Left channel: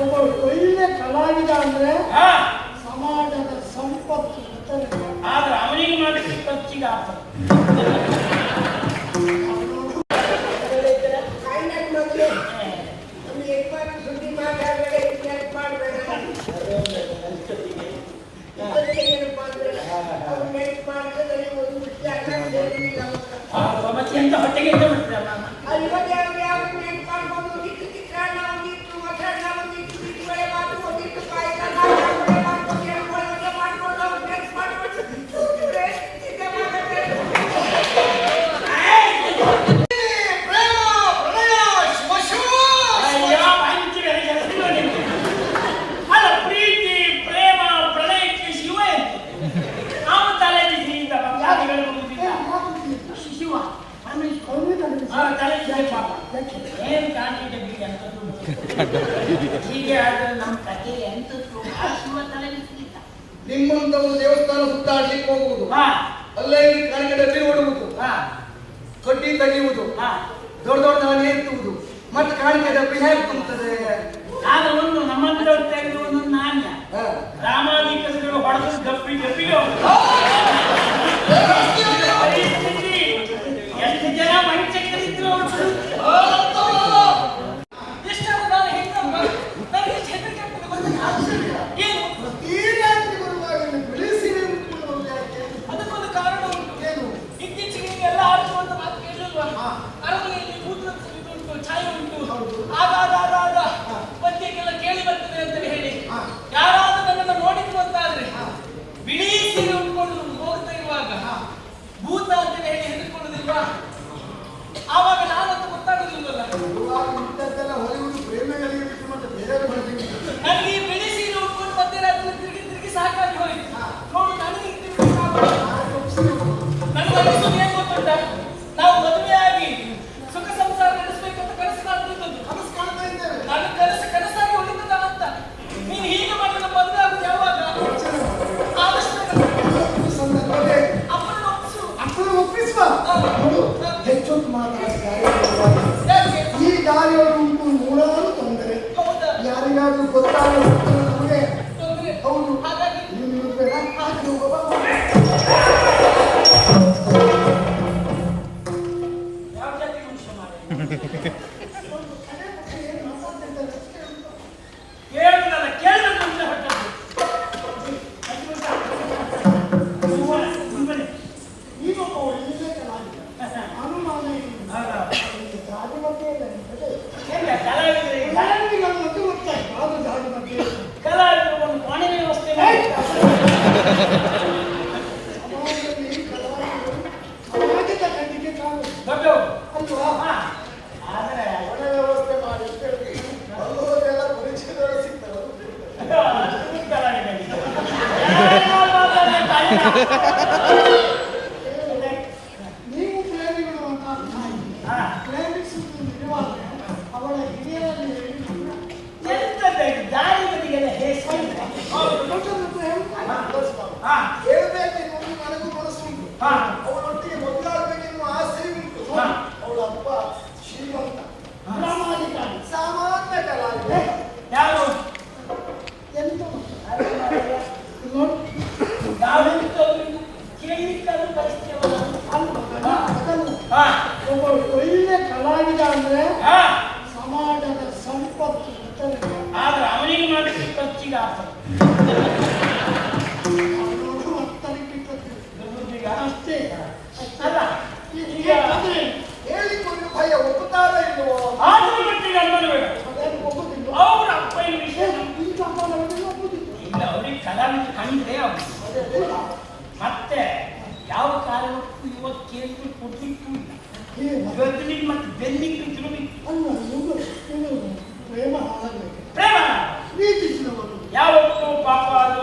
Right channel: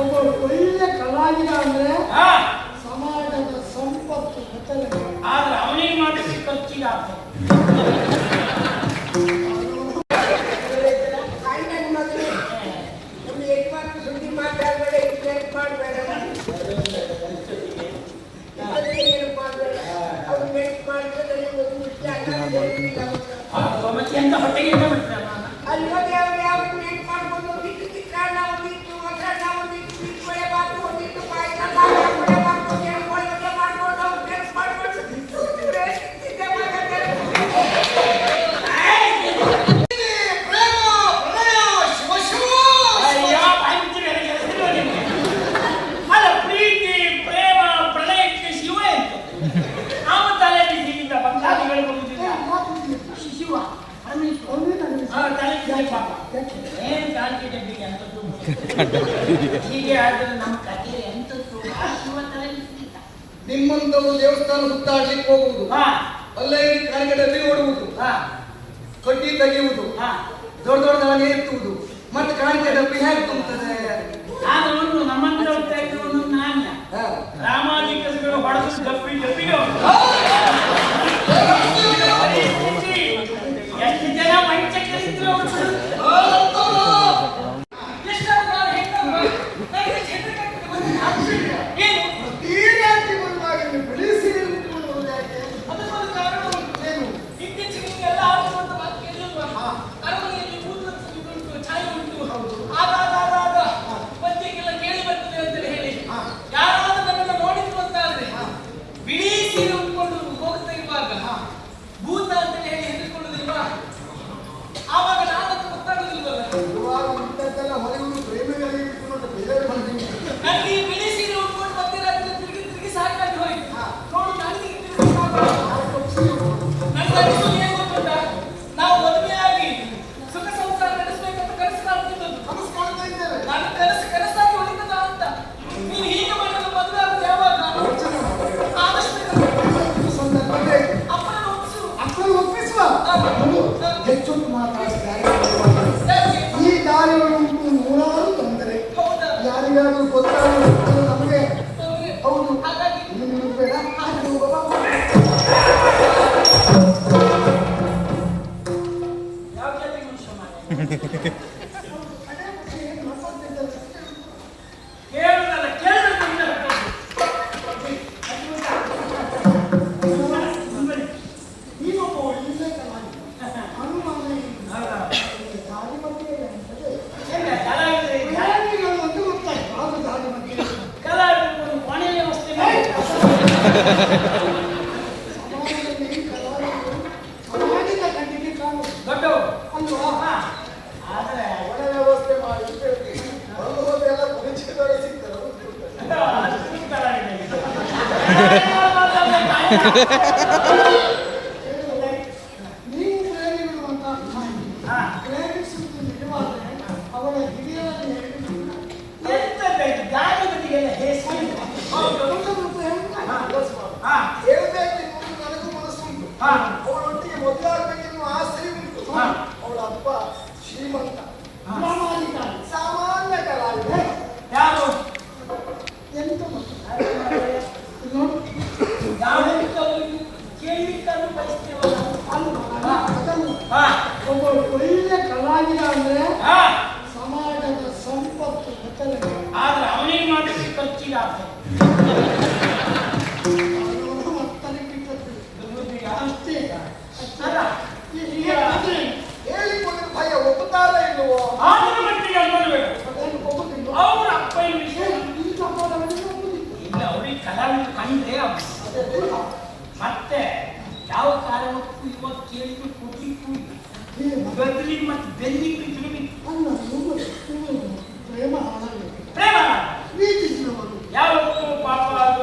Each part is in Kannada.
ಒಬ್ಬ ಒಳ್ಳೆ ಕಲಾವಿದ ಅಂದ್ರೆ ಸಮಾಜದ ಸಂಪತ್ತು ಗೊತ್ತಲ್ಲ. ಆದ್ರೆ ಅವನಿಗೆ ಮಾಡಲಿಕ್ಕೆ ಖರ್ಚಿಗೆ ಎಂತ ಹೊಟ್ಟೆಗೆ ಎಂತ ಮಾಡ್ತೀರಲ್ಲ ನಿಮ್ಮಂತವರು ದೇವಸ್ಥಾನ ಸುತ್ತಾಡ್ಲಿಕ್ಕೆ ಹೋಗುವುದು, ಅಲ್ಲೇ ಕಾಣಿಕೆಯಲ್ಲಿ ನೋಡುವುದು, ತೊಟ್ಟಿ ತೆಗೆಯುವುದು, ದೊಡ್ಡ ದೊಡ್ಡವನ್ನೇ ಎತ್ತುವುದು, ಮತ್ತೆ ಕಾಣಿಕೆ ಡಬ್ಬಿ ಹೇಗೆ ತುಂಬುತ್ತದೆ? ಆದವನು ನಮ್ಮಂತವ್ರು ತೆಗೆದವನು ನಾಣ್ಯ ರಾಮಾಧಿಕಗಳು ಹೊಡೆದು ಡಬ್ಬಿ ಡಬ್ಬಿಗೆ ಎಷ್ಟು ಜನ ಮಂಚಕ್ಕಿದ್ರು ಈ ದಾರಿಯನ್ನು ನೂರಾರು ತೊಂದರೆ ಯಾರಿಗಾದ್ರೂ ಗೊತ್ತಾಗಲು ನಮಗೆ ಹೌದು ನೀವು ಪ್ರೇಮಿಗಳು ಅಂತ ಪ್ರೇಮಿಸುವುದು ನಿಜವಾದರೆ ಅವಳ ಹಿರಿಯರಲ್ಲಿ ಹೇಳಬೇಕು ನನಗೂ ಮನಸ್ಸುಂಟು. ಅವಳೊಟ್ಟಿಗೆ ಮದುವೆಯಾಗಬೇಕೆನ್ನುವ ಆಸೆ ಉಂಟು. ಅವಳ ಅಪ್ಪ ಶ್ರೀಮಂತ ಸಾಮಾನ್ಯ ಕಲಾವಿದ. ಯಾರು ಎಂತ ಒಬ್ಬ ಒಳ್ಳೆ ಕಲಾವಿದ ಅಂದ್ರೆ ಸಮಾಜದ ಸಂಪತ್ತು ಗೊತ್ತಲ್ಲ. ಆದ್ರೆ ಅವನಿಗೆ ಮಾಡಲಿಕ್ಕೆ ಖರ್ಚಿಗೆ ಅಷ್ಟೇ ಹೇಳಿಕೊಂಡು ಭಯ ಒಪ್ಪುತ್ತಾರ ಇಲ್ಲವೋ? ಅವ್ರ ಅಪ್ಪ ಇಲ್ಲ ಅವ್ರಿಗೆ ಕಲಾವಿದ ಕಂಡ್ರೆ ಮತ್ತೆ ಯಾವ ಕಾರಣಕ್ಕೂ ಇವತ್ತು ಕೇಳಿದ್ರು ಕೊಡ್ಲಿಕ್ಕೂ ಗದ್ದಲಿಗೆ ಮತ್ತೆ ಬೆನ್ನಿಗೆ ಪ್ರೇಮ ಹಾಳಾಗಬೇಕು. ಪ್ರೇಮ ಪ್ರೀತಿಸಿದವರು ಯಾವತ್ತೂ ಪಾಪ ಅದು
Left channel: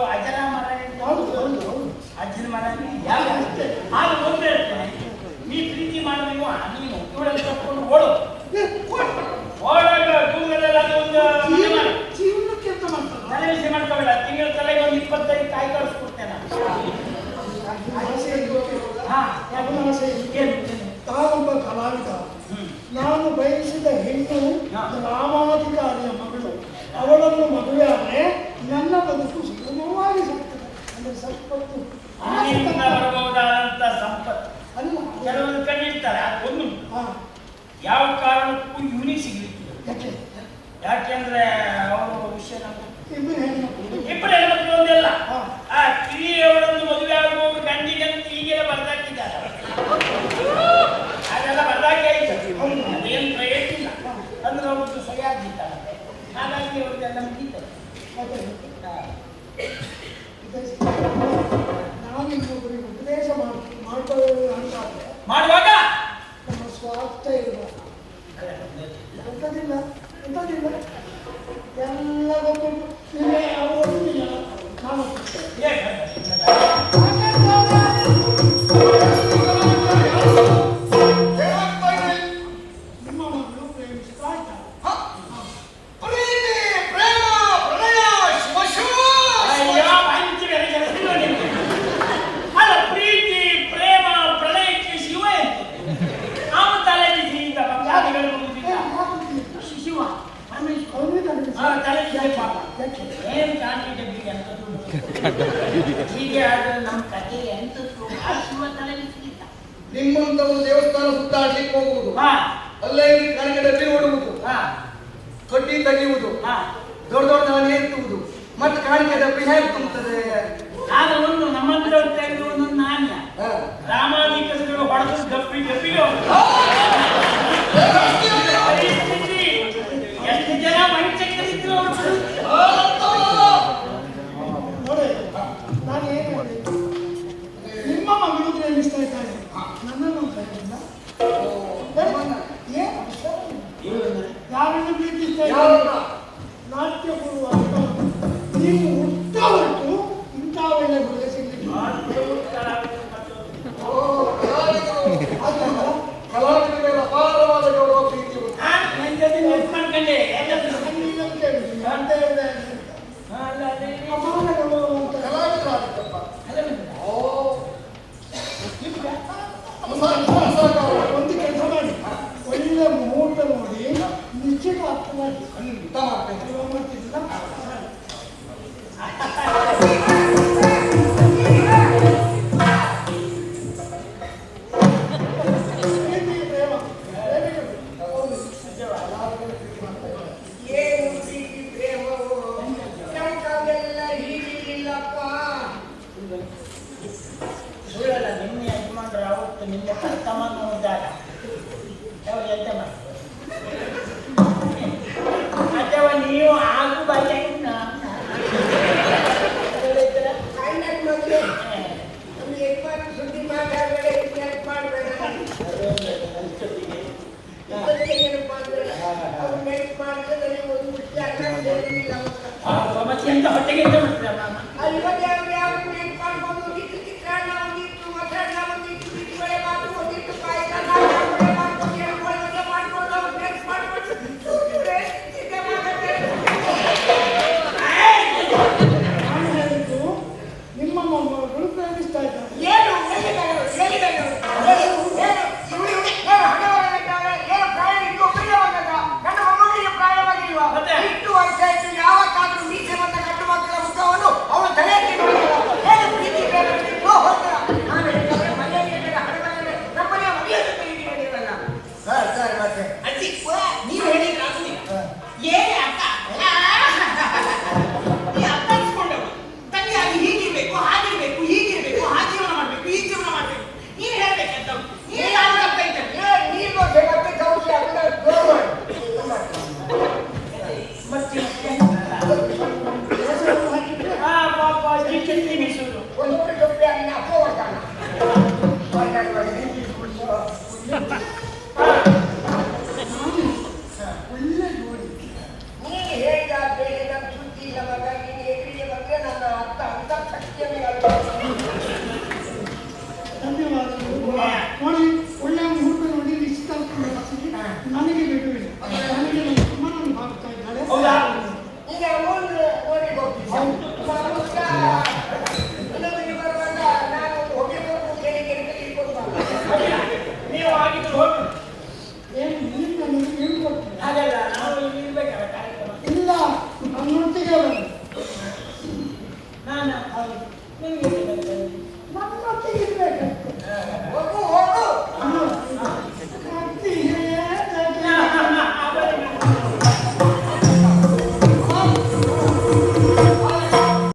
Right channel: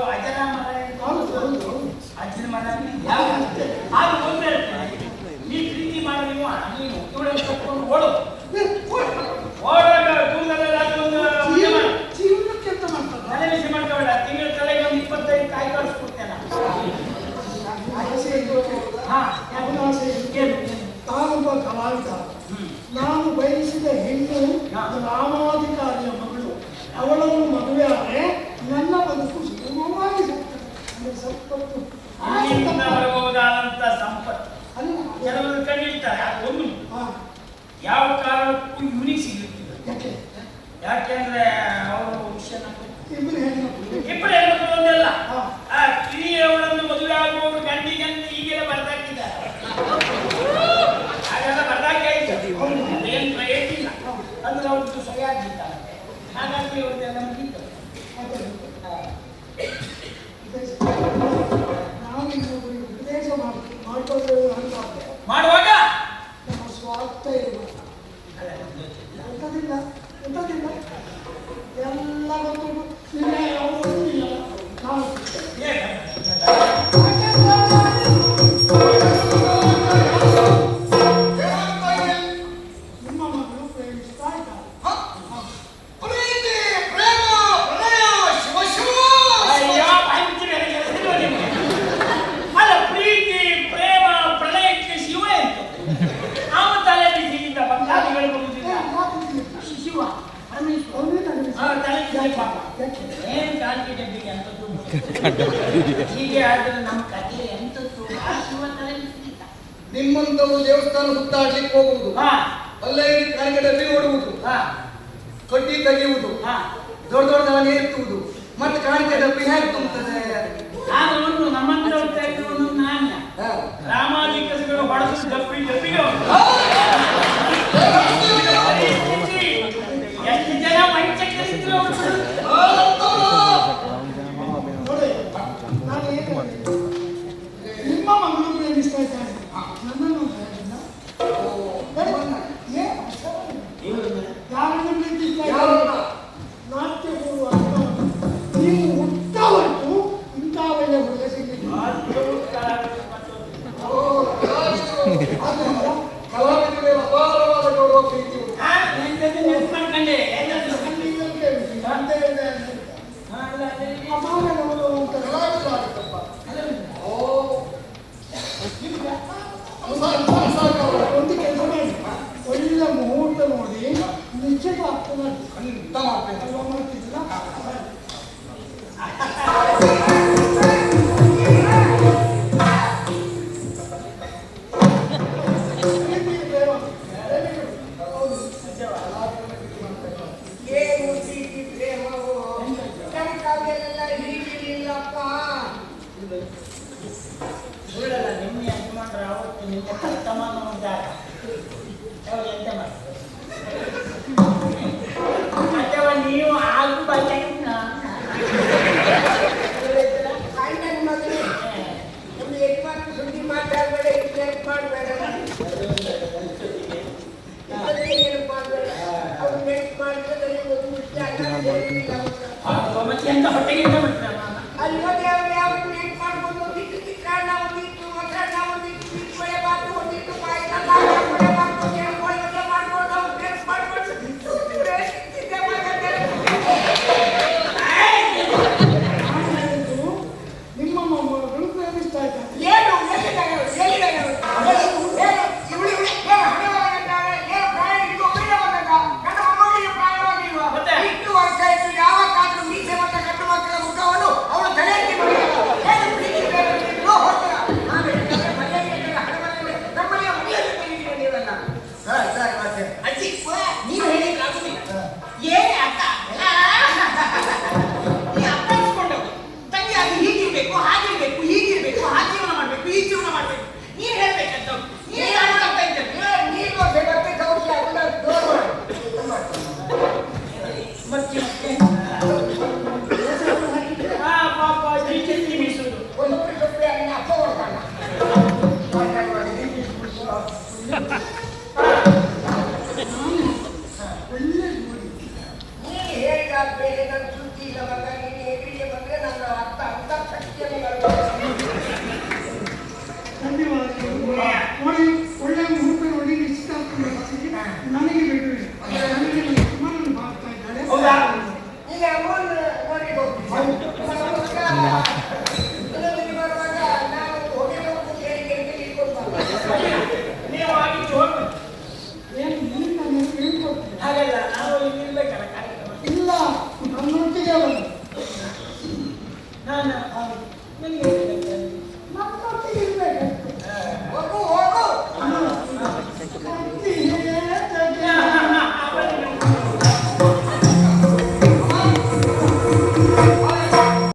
ಯಾಕೆಂದ್ರೆ ಅವರು ವಿಷಯ ನಮ್ಗೆ ಇಬ್ಬರು ಹೆಣ್ಮಕ್ಳು. ಇಬ್ಬರು ಹೆಣ್ಮಕ್ಳು ಒಂದಲ್ಲ. ಹಾ. ಆ ಕಿರಿಯವರನ್ನು ಮದುವೆ ಆಗುವವರು ಗಂಡಿಗೆ ಅಂತ ಈಗೆಲ್ಲ ಬರ್ದಾಕಿದ್ದಾರೆ. ಅದೆಲ್ಲ ಬರ್ದಾಕಿ ಆಯ್ತು. ಅದೇನು ಪ್ರಯೋಜನ ಅಂದ್ರೆ ಅವ್ರದ್ದು ಸರಿಯಾಗಿದ್ದಾರೆ. ಹಾಗಾಗಿ ಅವ್ರದ್ದೆಲ್ಲ ಮುಗೀತು. ನಾವು ಇನ್ನೊಬ್ಬರಿಗೆ ಉಪದೇಶ ಮಾಡ್ಕೊಳ್ಳೋದು ಅಂತ ಮಾಡುವಾಗ ನಮ್ಮ ಸ್ವಾರ್ಥ ಇರಬೇಕು. ಎಂಥದಿಲ್ಲ ಎಂಥದಿಲ್ಲ ಎಲ್ಲ ಗೊತ್ತಿದ್ದು ನಿನ್ನೆ ಅವರು ಗೊತ್ತಿಲ್ಲ ನಾವು ನಿಮ್ಮ ಮಗಳು ಪ್ರೇಮಿಸ್ತಾ ಇದ್ದಾರೆ. ಅಯ್ಯೋ, ಪಂಚಮೆರೆ ಕೆಲಸ ಇಲ್ವಾ ನಿಮ್ಗೆ? ಅಲ್ಲ, ಪ್ರೀತಿ ಪ್ರೇಮ ಪ್ರಳಯಕ್ಕೆ ಶಿವ ಎಂತ ನಾವು ತಲೆ ಬಿಸಿಯಿಂದ ಭಕ್ತಾದಿಗಳು ಬರುವುದಿಲ್ಲ. ಶಿವ ತಲೆ ಏನ್ ಕಾಣಿಕೆ ಡಬ್ಬಿಗೆ ಅಂತದ್ದು ಹೀಗೆ ಆದ್ರೆ ನಮ್ಮ ಕಥೆ ಎಂತದ್ದು ಆ ಶಿವ ತಲೆ ಬಿಸಿಲಿಲ್ಲ. ನಿಮ್ಮಂತವರು ದೇವಸ್ಥಾನ ಸುತ್ತಾಡ್ಲಿಕ್ಕೆ ಹೋಗುವುದು, ಅಲ್ಲೇ ಕಾಣಿಕೆ ಡಬ್ಬಿ ನೋಡುವುದು, ತೊಟ್ಟಿ ತೆಗೆಯುವುದು, ದೊಡ್ಡ ದೊಡ್ಡದನ್ನು ಎತ್ತುವುದು, ಮತ್ತೆ ಕಾಣಿಕೆ ಡಬ್ಬಿ ಹೇಗೆ ತುಂಬುತ್ತದೆ? ಆಗ ಒಂದು ನಮ್ಮಂತರ ತೆಗೆದು ಒಂದೊಂದು ನಾಣ್ಯ ರಾಮಾಧಿಕಸಗಳು ಹೊಡೆದು ಡಬ್ಬಿ ಡಬ್ಬಿಗೆ ಪರಿಸ್ಥಿತಿ ಎಷ್ಟು ಜನ ಪಂಚಕರಿದ್ರು ನೋಡಿ, ನಾನು ಏನು ಹೇಳಿದ್ದು, ನಿಮ್ಮ ಮಗಳು ಪ್ರೇಮಿಸ್ತಾ ಇದ್ದಾರೆ, ನನ್ನನ್ನು ಪ್ರೇಮಿಸಿಲ್ಲ. ಯಾರನ್ನು ಪ್ರೀತಿಸ್ತಾ ಇದ್ದಾರೆ? ನಾಟ್ಯ ಗುರು ಅಂತ ನೀವು ಹುಟ್ಟವಟ್ಟು ಇಂಥ ಒಳ್ಳೆ ಹುಡುಗ ಸಿಗಲಿಲ್ಲ. ಕಲಾವಿದರಿಗೆ ಅಪಾರವಾದ ಗೌರವ ಪ್ರೀತಿ ಉಂಟು. ಮಾಡ್ಕೊಂಡೆ ನೀವು ಪ್ರೇಮಿಸಿ ಅಂತ ಹೇಳಿದೆ ಅಪಾರಗಳು ಅಂತ ಒಂದು ಕೆಲಸ ಮಾಡಿ, ಒಳ್ಳೆ ಮುಹೂರ್ತ ನೋಡಿ ನಿಶ್ಚಿತಾರ್ಥ ಮಾಡಿ ಮಾಡ್ತಿದ್ದಿಲ್ಲ. ಸುಳ್ಳಲ್ಲ, ನಿಮ್ಮ ಯಜಮಾನ್ರು ಆವತ್ತು ನಿನ್ನ ಕರ್ತಮಾನ ನೋಡಿದಾಗ ಅವ್ರು ಎಂತ ಮಾಡ್ತಾರೆ? ಅಥವಾ ನೀವು ಆಗು ಬಗ್ಗೆ ಮತ್ತೆ ಎಂತ ಹೊಟ್ಟೆಗೆ ಎಂತ ಮಾಡ್ತೀರ? ನಾನು ನಿಮ್ಮ ಮೊಮ್ಮಗಳು ಪ್ರೇಮಿಸ್ತಾ ಇದ್ದಾರೆ. ನೋಡಿ, ಒಳ್ಳೆ ಮುಹೂರ್ತ ನೋಡಿ ನಿಶ್ಚಿತಾರ್ಥ ಮಾಡಿಸಿ ನನಗೆ ಬಿಡುವಿಲ್ಲ. ನನಗೆ ನನ್ನ ಯಜಮಾನನು ಬಾಗ್ತಾ ಇದ್ದಾಳೆ. ನೀವು ಆಗಿದ್ದು ಹೋಗಿ ಏನು ನೀನು ನನಗೆ ಹೇಳ್ಕೊಡ್ತೀನಿ. ಹಾಗಲ್ಲ, ನಾವು ಇಲ್ಲಿ ಇರ್ಬೇಕಲ್ಲ ಕಾರ್ಯಕ್ರಮ. ಇಲ್ಲ, ನನ್ನೊಟ್ಟಿಗೆ ಅವರು ನಾನು ನಿಮಗೆ